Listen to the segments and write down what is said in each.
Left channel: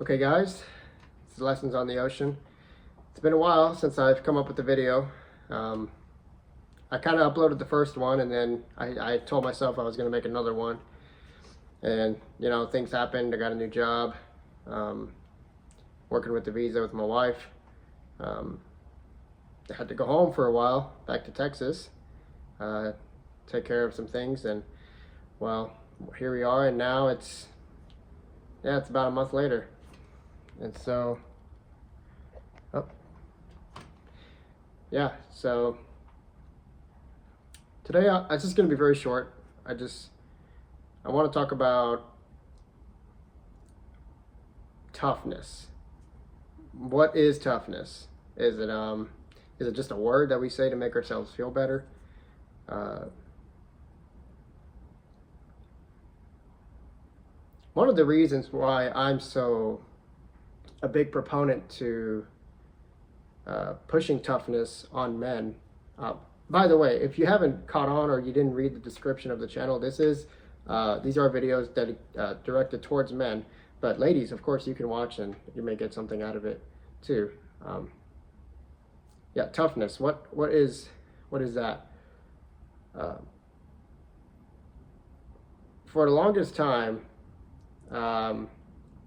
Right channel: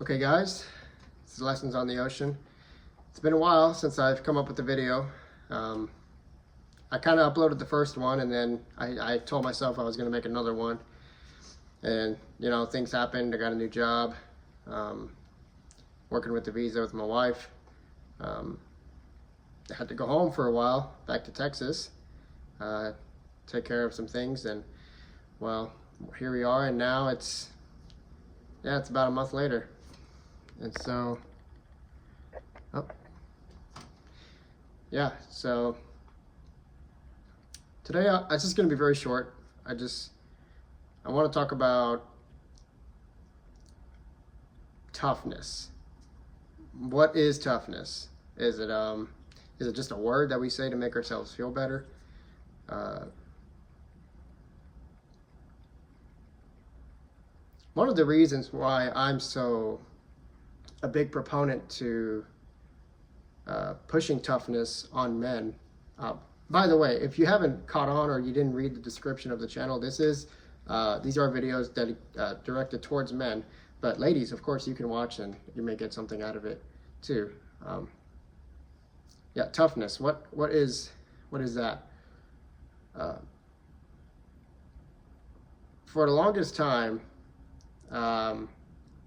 Okay guys, it's Lessons on the Ocean. It's been a while since I've come up with a video. I kind of uploaded the first one and then I told myself I was going to make another one. And you know, things happened. I got a new job, working with the visa with my wife. I had to go home for a while, back to Texas, take care of some things. And well, here we are, and now it's about a month later. And so, so today it's just going to be very short. I want to talk about toughness. What is toughness? Is it just a word that we say to make ourselves feel better? One of the reasons why I'm so a big proponent to pushing toughness on men. By the way, if you haven't caught on or you didn't read the description of the channel, these are videos directed towards men. But ladies, of course, you can watch and you may get something out of it too. Yeah, toughness. What is that? For the longest time, well,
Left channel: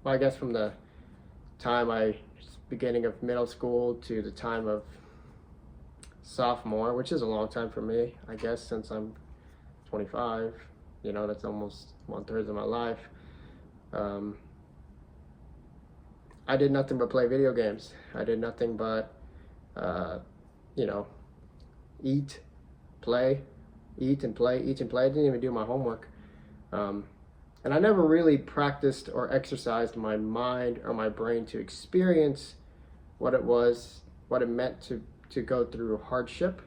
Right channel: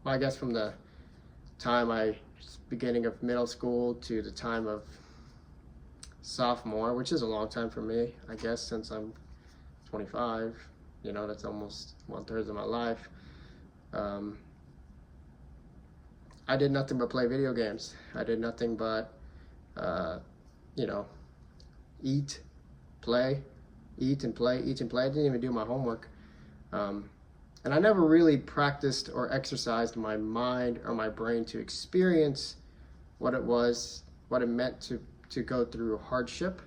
I guess from the time beginning of middle school to the time of sophomore, which is a long time for me, I guess, since I'm 25, you know, that's almost 1/3 of my life. I did nothing but play video games. I did nothing but, you know, eat, play, eat and play, eat and play. I didn't even do my homework. And I never really practiced or exercised my mind or my brain to experience what it meant to go through hardship.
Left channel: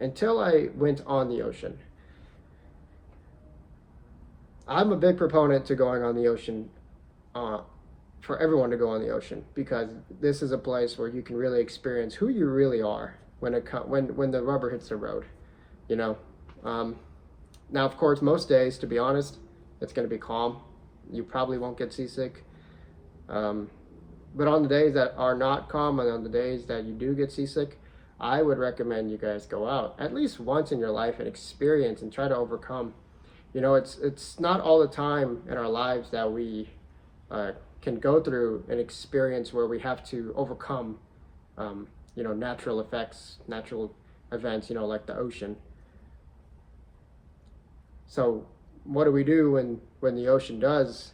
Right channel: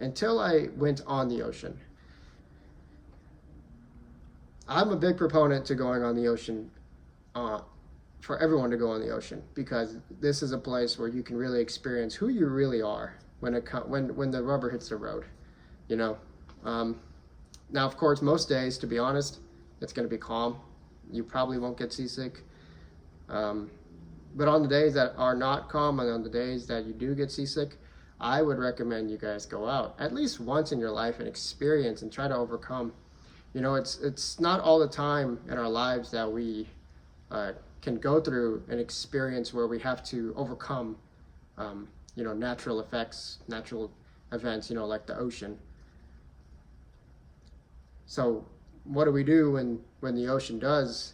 Until I went on the ocean. I'm a big proponent to going on the ocean, for everyone to go on the ocean, because this is a place where you can really experience who you really are when the rubber hits the road. You know, now of course most days, to be honest, it's going to be calm. You probably won't get seasick. But on the days that are not calm and on the days that you do get seasick, I would recommend you guys go out at least once in your life and experience and try to overcome. You know, it's not all the time in our lives that we can go through an experience where we have to overcome, you know, natural events, you know, like the ocean. So what do we do when the ocean does,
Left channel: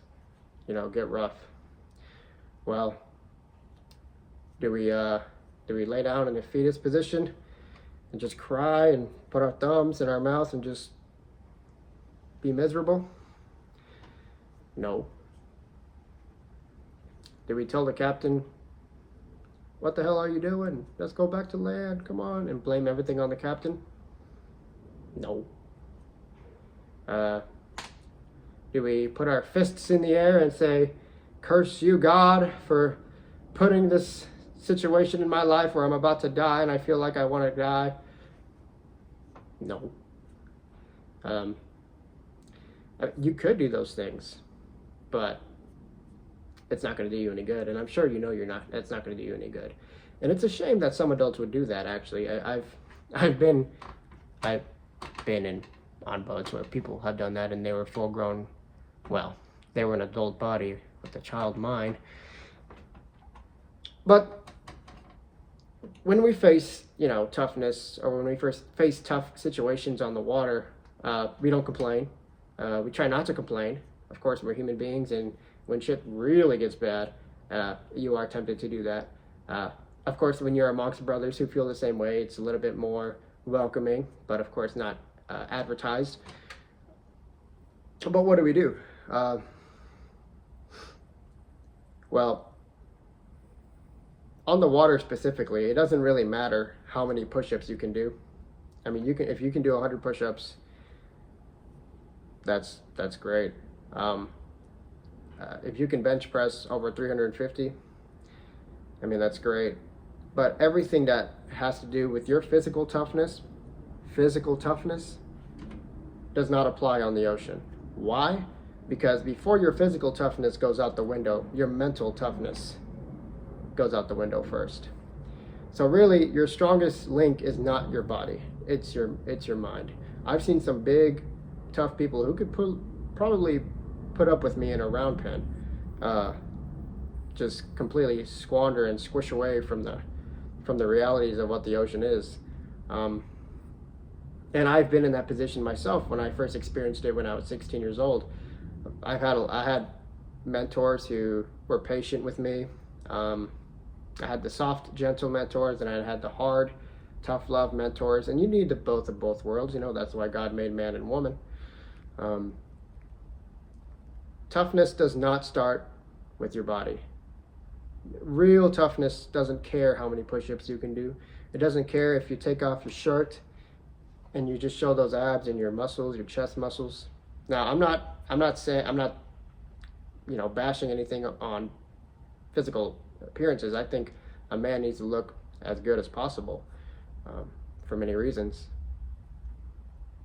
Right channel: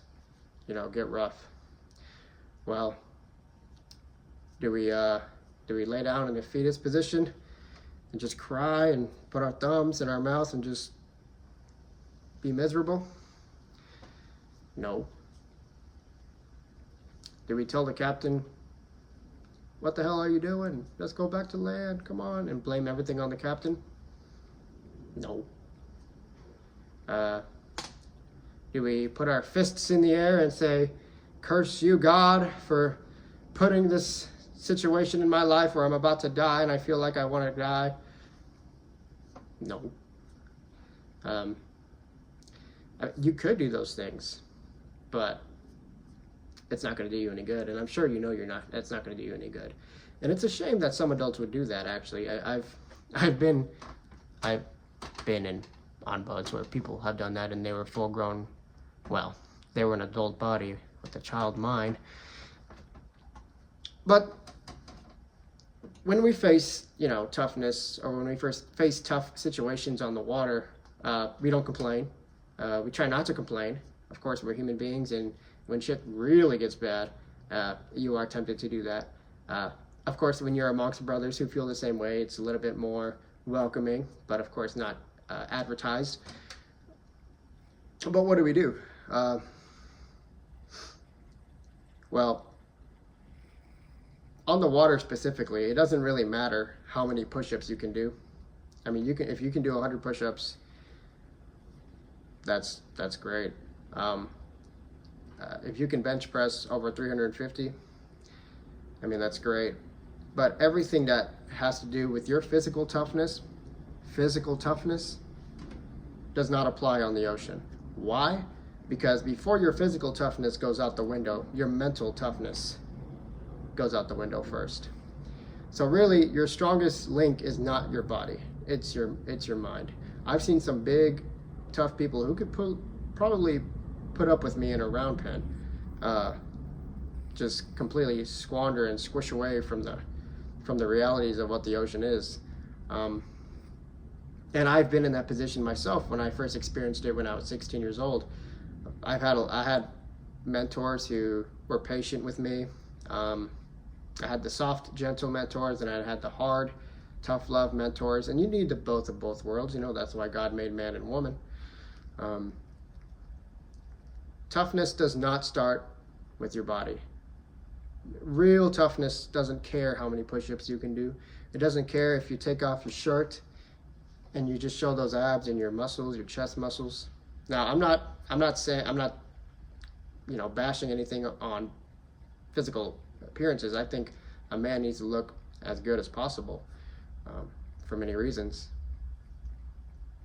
you know, get rough? Well, do we lay down in a fetus position and just cry and put our thumbs in our mouth and just be miserable? No. Do we tell the captain, "What the hell are you doing? Let's go back to land, come on," and blame everything on the captain? No. Do we put our fists in the air and say, "Curse you, God, for putting this situation in my life where I'm about to die and I feel like I want to die"? No. You could do those things, but it's not going to do you any good. And I'm sure you know it's not going to do you any good. And it's a shame that some adults would do that, actually. I've been on boats where people have done that and they were full grown, well, they were an adult body with a child mind. But when we face, you know, toughness, or when we first face tough situations on the water, we don't complain. We try not to complain. Of course, we're human beings, and when shit really gets bad, you are tempted to do that. Of course, when you're amongst brothers who feel the same way, it's a little bit more welcoming, but of course not advertised. But what do we do? Well, on the water specifically, it doesn't really matter how many push-ups you can do. I mean, if you can do 100 push-ups, that's great. If you can bench press over 350, I mean, that's great. But everything that has to do with your physical toughness does not apply on the ocean. Why? Because before your physical toughness goes out the window, your mental toughness goes out the window first. So really, your strongest link is not your body, it's your mind. I've seen some big, tough people who could probably put up with me in a round pen, just completely squander and squish away from the realities of what the ocean is. And I've been in that position myself when I first experienced it when I was 16 years old. I had mentors who were patient with me. I had the soft, gentle mentors, and I had the hard, tough love mentors. And you need the both of both worlds. You know, that's why God made man and woman. Toughness does not start with your body. Real toughness doesn't care how many push-ups you can do. It doesn't care if you take off your shirt and you just show those abs and your muscles, your chest muscles. Now, I'm not bashing anything on physical appearances. I think a man needs to look as good as possible, for many reasons.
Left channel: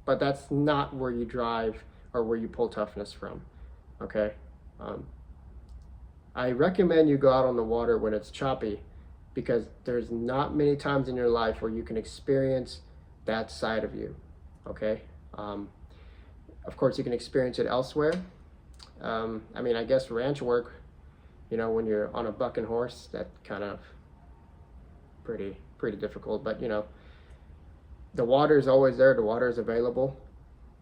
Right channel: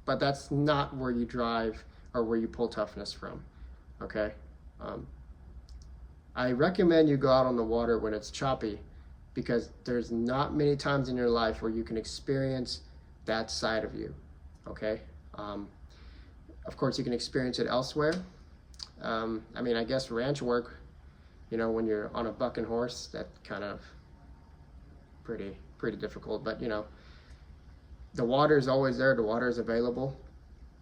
But that's not where you drive or where you pull toughness from, okay? I recommend you go out on the water when it's choppy, because there's not many times in your life where you can experience that side of you, okay? Of course, you can experience it elsewhere. I mean, I guess ranch work, you know, when you're on a bucking horse, that kind of pretty difficult. But, you know, the water is always there. The water is available.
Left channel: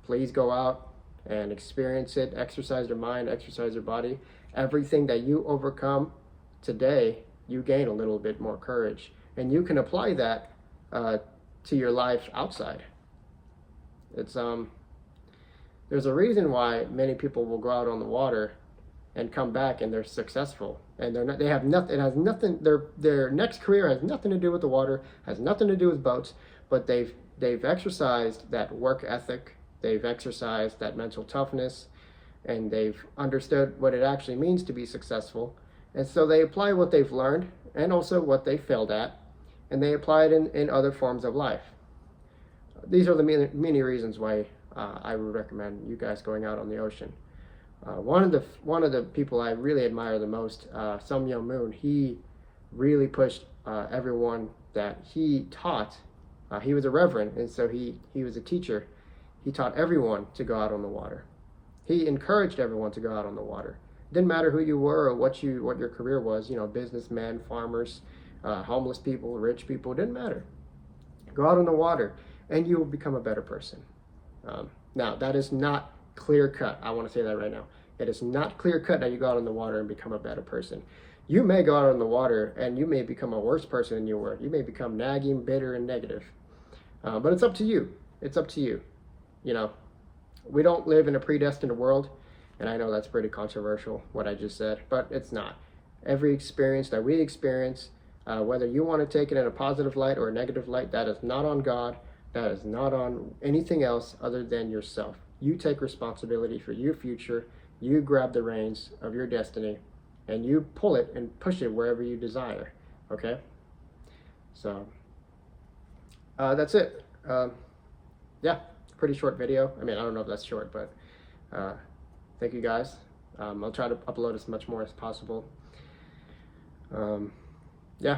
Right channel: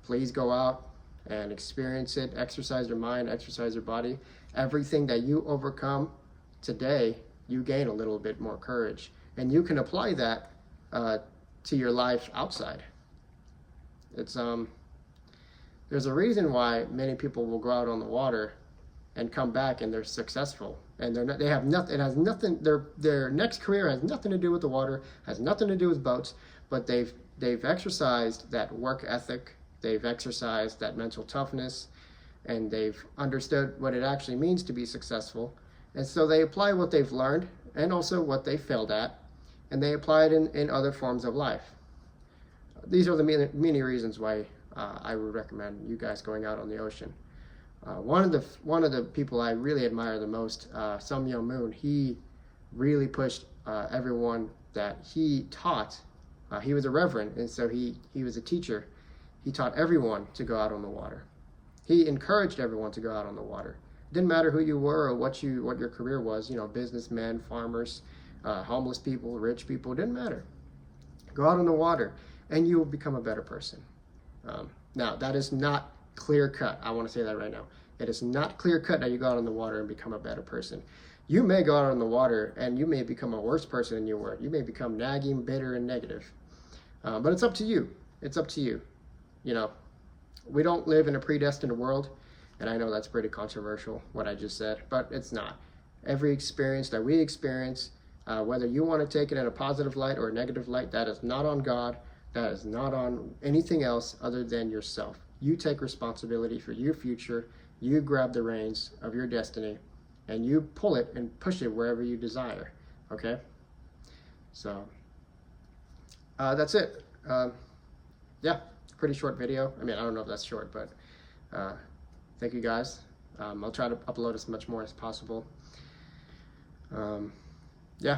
Please go out and experience it. Exercise your mind, exercise your body. Everything that you overcome today, you gain a little bit more courage. And you can apply that to your life outside. It's there's a reason why many people will go out on the water and come back and they're successful, and they have nothing. It has nothing. Their next career has nothing to do with the water, has nothing to do with boats, but they've exercised that work ethic, they've exercised that mental toughness, and they've understood what it actually means to be successful, and so they apply what they've learned and also what they failed at, and they apply it in other forms of life. These are the many reasons why I would recommend you guys going out on the ocean. One of the people I really admire the most, Sun Myung Moon, he really pushed everyone that he taught. He was a reverend, and so he was a teacher. He taught everyone to go out on the water. He encouraged everyone to go out on the water. Didn't matter who you were or what your career was. You know, businessmen, farmers, homeless people, rich people. Didn't matter. Go out on the water, and you will become a better person. Now, that is not clear cut. I want to say that right now. It is not clear cut that you go out on the water and become a better person. You may go out on the water and you may become a worse person than you were. You may become nagging, bitter, and negative. But it's up to you. It's up to you. You know, we don't live in a predestined world, and I know that's pretty controversial, what I just said, but it's not. Every experience that we experience, whether you want to take it in a positive light or a negative light, that is not on God. That is not on anything else other than yourself. You take responsibility for your future. You grab the reins of your destiny, and you pull it and push it wherever you desire, okay? So, that's it. Yeah, pretty short video. I mean, I don't know if that's short, but thank you guys. I'll try to upload as much more as possible. Yeah.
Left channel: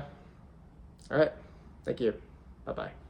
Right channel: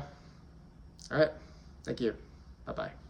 All right. Thank you. Bye-bye.